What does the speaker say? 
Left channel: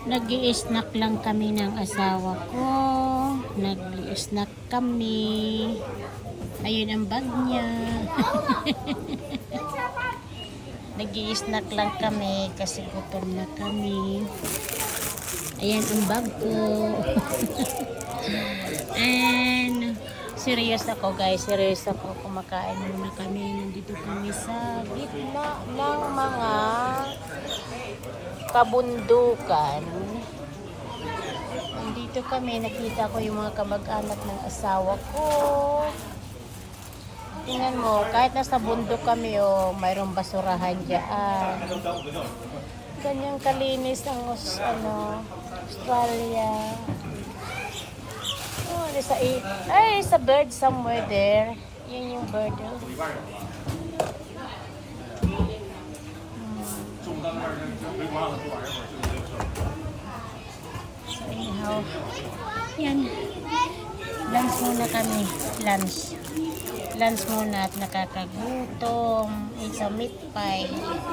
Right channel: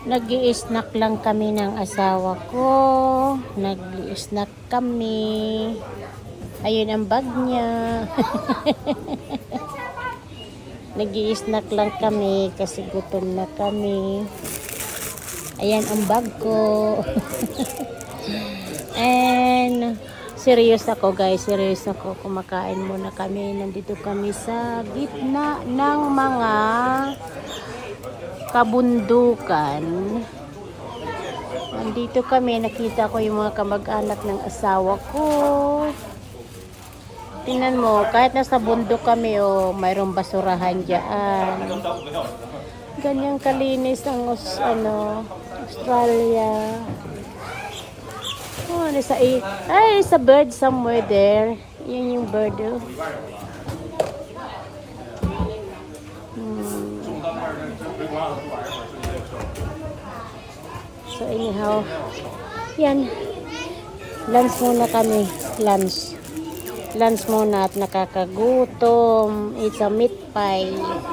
Nag-i-snack lang kami ng asawa ko. Nag-i-snack kami. Ayun ang bag niya. Nag-i-snack lang kami kasi gutom na kami. Ayan ang bag ko. And serious ako guys. Serious ako. Kumakain muna kami. Nandito kami sa gitna ng mga kabundukan. Nandito kami, nakita ko yung mga kamag-anak ng asawa ko. Tingnan mo, kahit nasa bundok kami, oh, mayroong basurahan dyan. Ganyang kalinis ang Australia. Oh, nasa there's a bird somewhere there. Yun yung bird. Oh. So anyhow, yan. Lunch muna kami. Lunch muna at nakakagutom. It's a meat pie.